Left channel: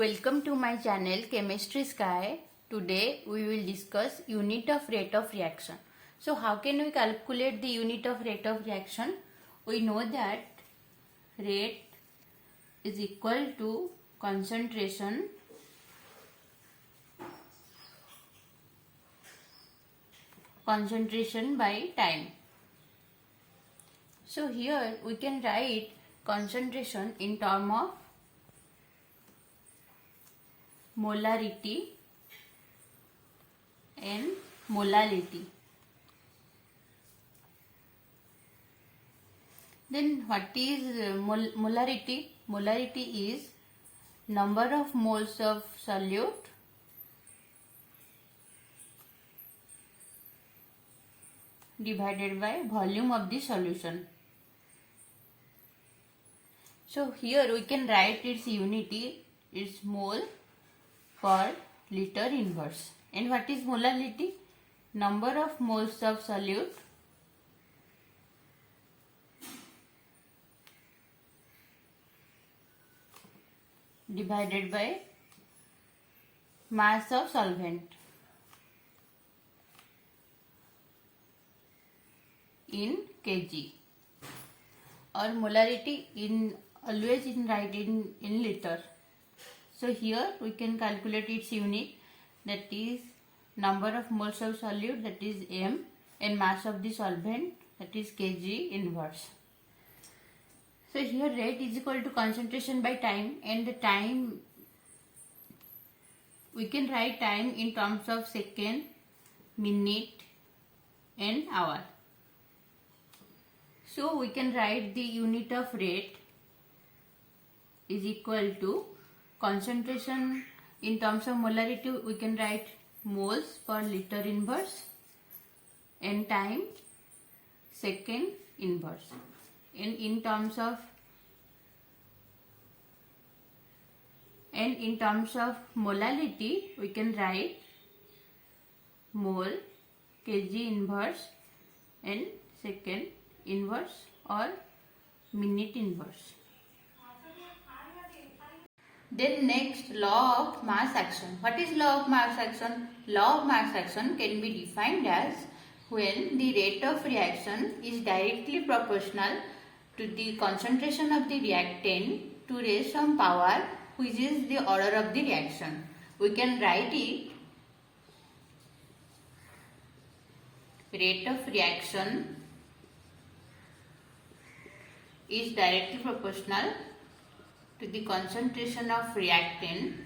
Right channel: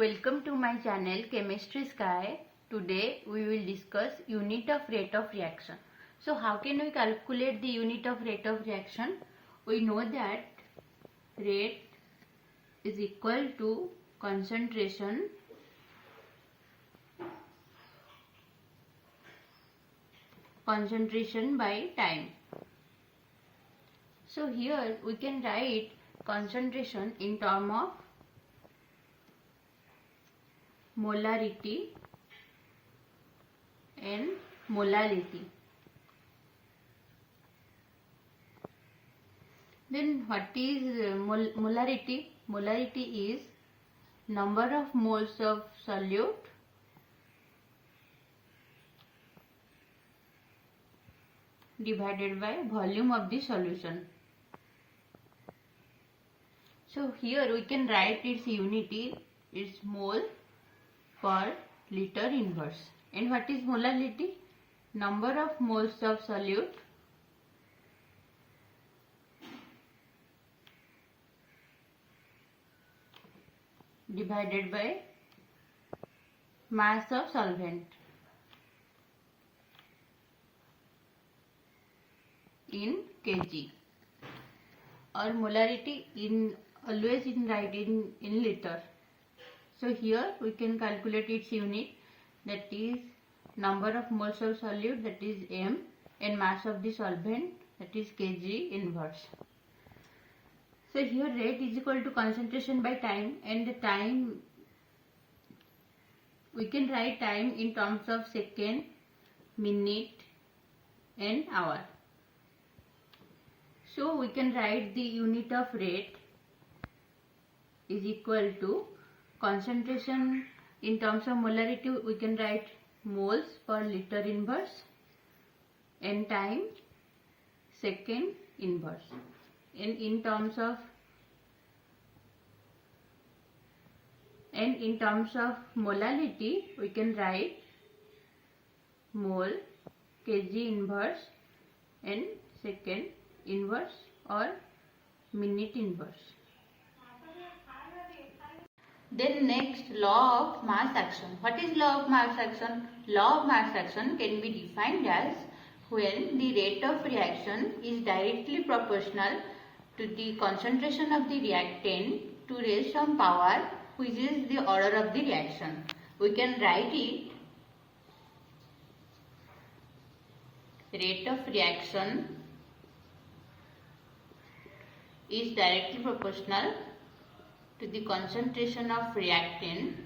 Welcome to my channel Chemistry Sky. Today we will discuss unit of rate of reaction. So how can we calculate the unit of rate of reaction? We know that rate is equal to concentration by time. So here we can write concentration in term of molarity and molality. Then what is molarity? Molarity is number of moles of solute divided by volume of the solution. So here we can write its unity, its mole per liter inverse. And what is molality? Number of moles of solute divided by mass of solvent in kg, or molarity in always in write in liter. So here we can calculate its unit, that is number of moles of solute, that is m, and mass of the solvent, that is kg inverse. So here rate is equal to concentration by time, and the time we can write time in terms of second, minute and hour. So we can write the unit of rate is equal to concentration in terms of molarity, we can write moles per liter inverse, and time second inverse. And in terms of molality, we can write mole kg inverse and second inverse or minute inverse. Then next, law of mass action. What is law of mass action? Law of mass action can be defined as when the rate of reaction is directly proportional to the concentration of the reactant to raise some power, which is the order of the reaction. We can write it rate of reaction is directly proportional to the concentration of reactant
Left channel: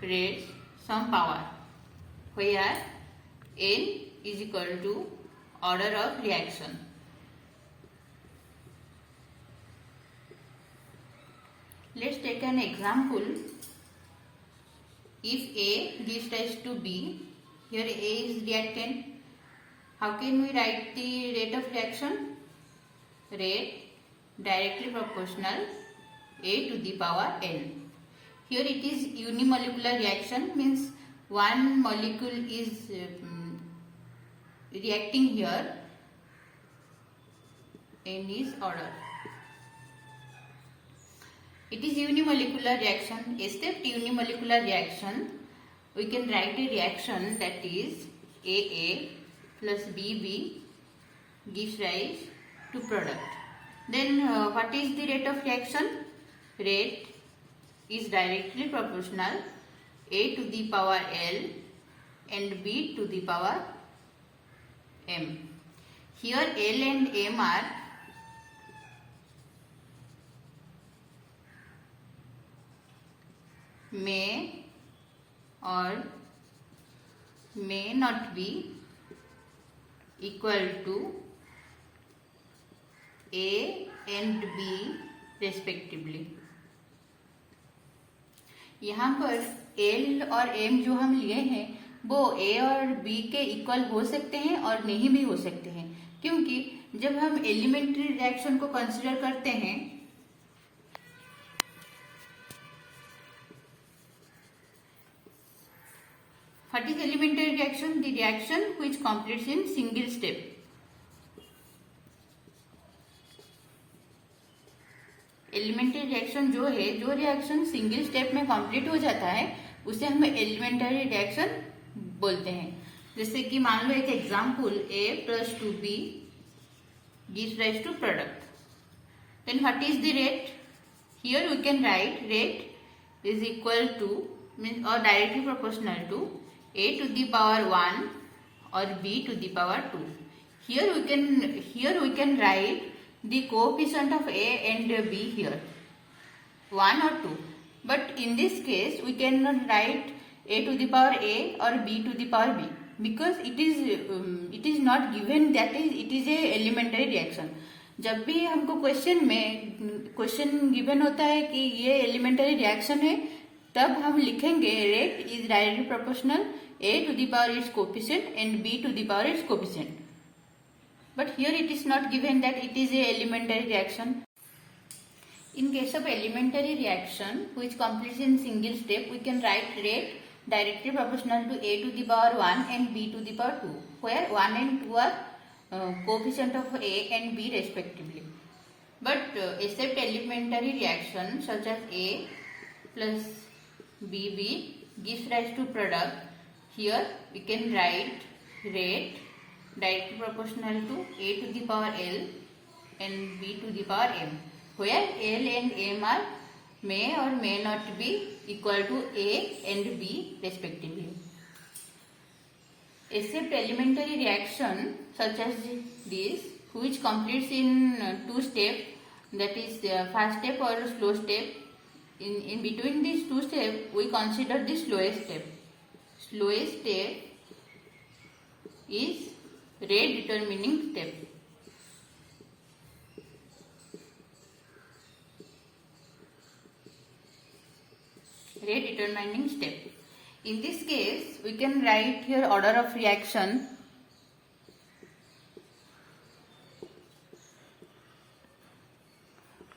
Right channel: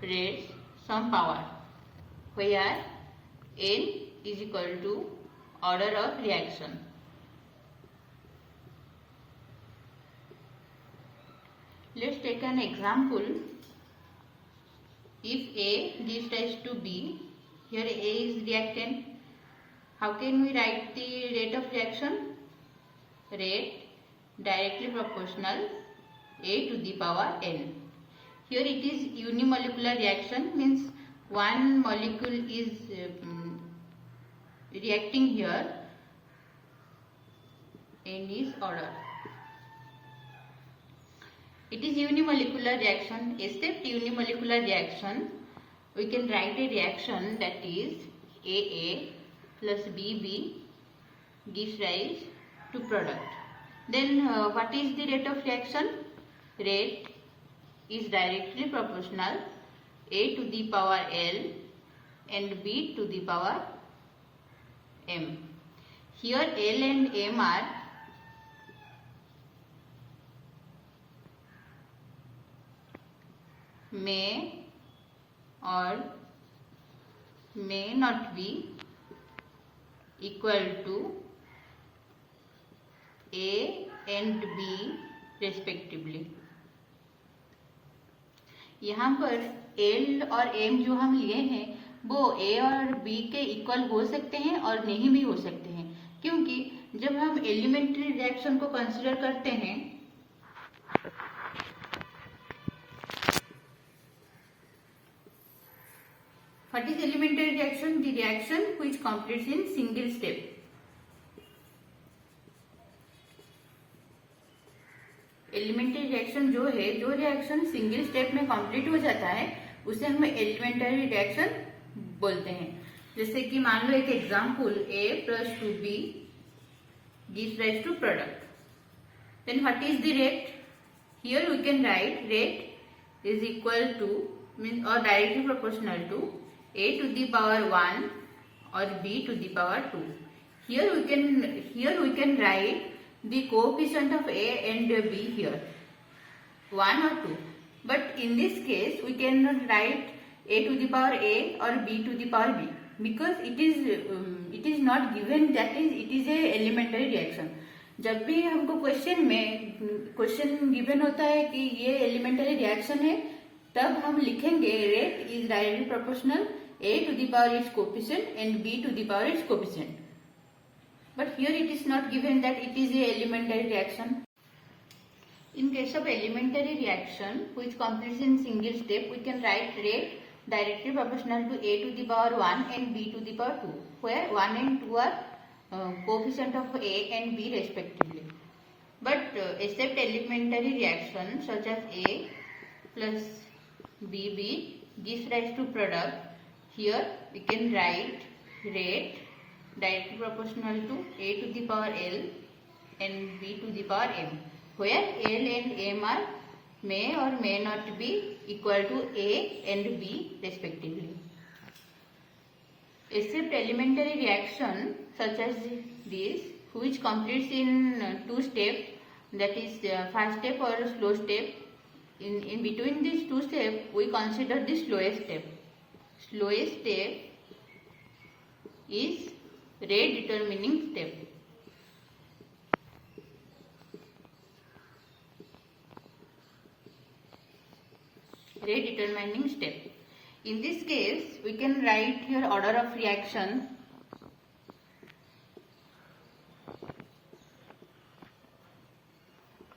raise some power, where N is equal to order of reaction. Let's take an example. If A gives rise to B, here A is reactant, how can we write the rate of reaction? Rate directly proportional A to the power N. Here it is unimolecular reaction, means one molecule is reacting here, N is order. It is unimolecular reaction. Except unimolecular reaction, we can write a reaction that is AA plus BB gives rise to product. Then what is the rate of reaction? Rate is directly proportional A to the power L and B to the power M. Here L and M are may or may not be equal to A and B respectively. यहाँ पर L और M जो हम लिए हैं वो A और B के इक्वल हो सकते हैं और नहीं भी हो सकते हैं, क्योंकि जब हम एलिमेंट्री रिएक्शन को कंसीडर करते हैं what is elementary reaction? The reaction which completes in single step. Elementary reaction reaction जो है, जो रिएक्शन सिंगल स्टेप में कंप्लीट हो जाता है उसे हम एलिमेंटरी रिएक्शन बोलते हैं. जैसे कि मान लो एक example, A plus 2B gives rise to product. Then what is the rate? Here we can write rate is equal to, means or directly proportional to A to the power 1 or B to the power 2. Here we can write the coefficient of A and B here, 1 or 2. But in this case we cannot write A to the power A or B to the power B, because it is not given that it is a elementary reaction. जब भी हमको question given होता है कि ये elementary reaction है, तब हम लिखेंगे rate is directly proportional A to the power its coefficient and B to the power its coefficient. But here it is not given that it is a elementary reaction. In case of elementary reaction which completes in single step, we can write rate directly proportional to A to the power 1 and B to the power 2, where 1 and 2 are coefficient of A and B respectively. But except elementary reaction such as A plus BB gives rise to product, here we can write rate directly proportional to A to the power L and B to the power M, where L and M are may or may not be equal to A and B respectively. Except elementary reaction such as this, which completes in two steps, that is fast step or slow step. In between these two steps, we consider the slowest step. Slowest step is rate determining step. Rate determining step. In this case, we can write here order of reaction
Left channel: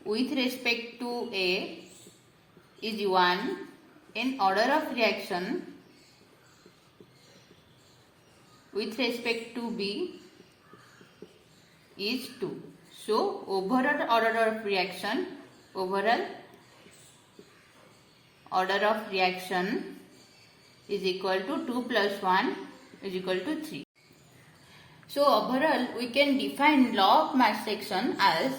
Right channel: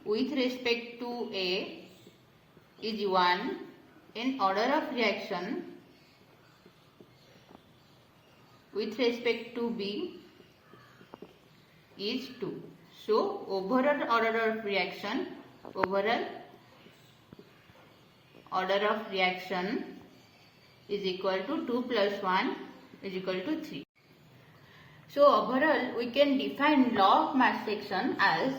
with respect to A is 1 and order of reaction with respect to B is 2. So overall order of reaction is equal to 2 plus 1 is equal to 3. So overall we can define law of mass section as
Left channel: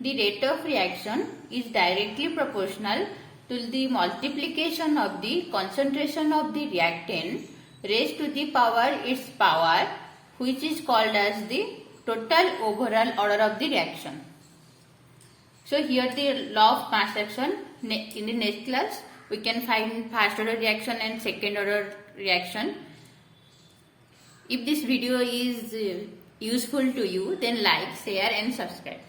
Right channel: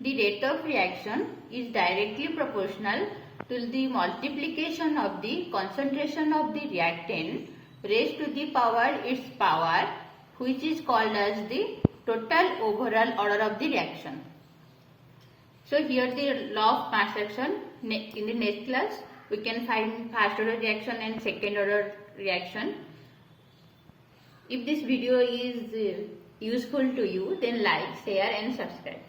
the rate of reaction is directly proportional to the multiplication of the concentration of the reactant raised to the power its power, which is called as the total overall order of the reaction. So here the law of mass action. In the next class we can find first order reaction and second order reaction. If this video is useful to you, then like, share and subscribe.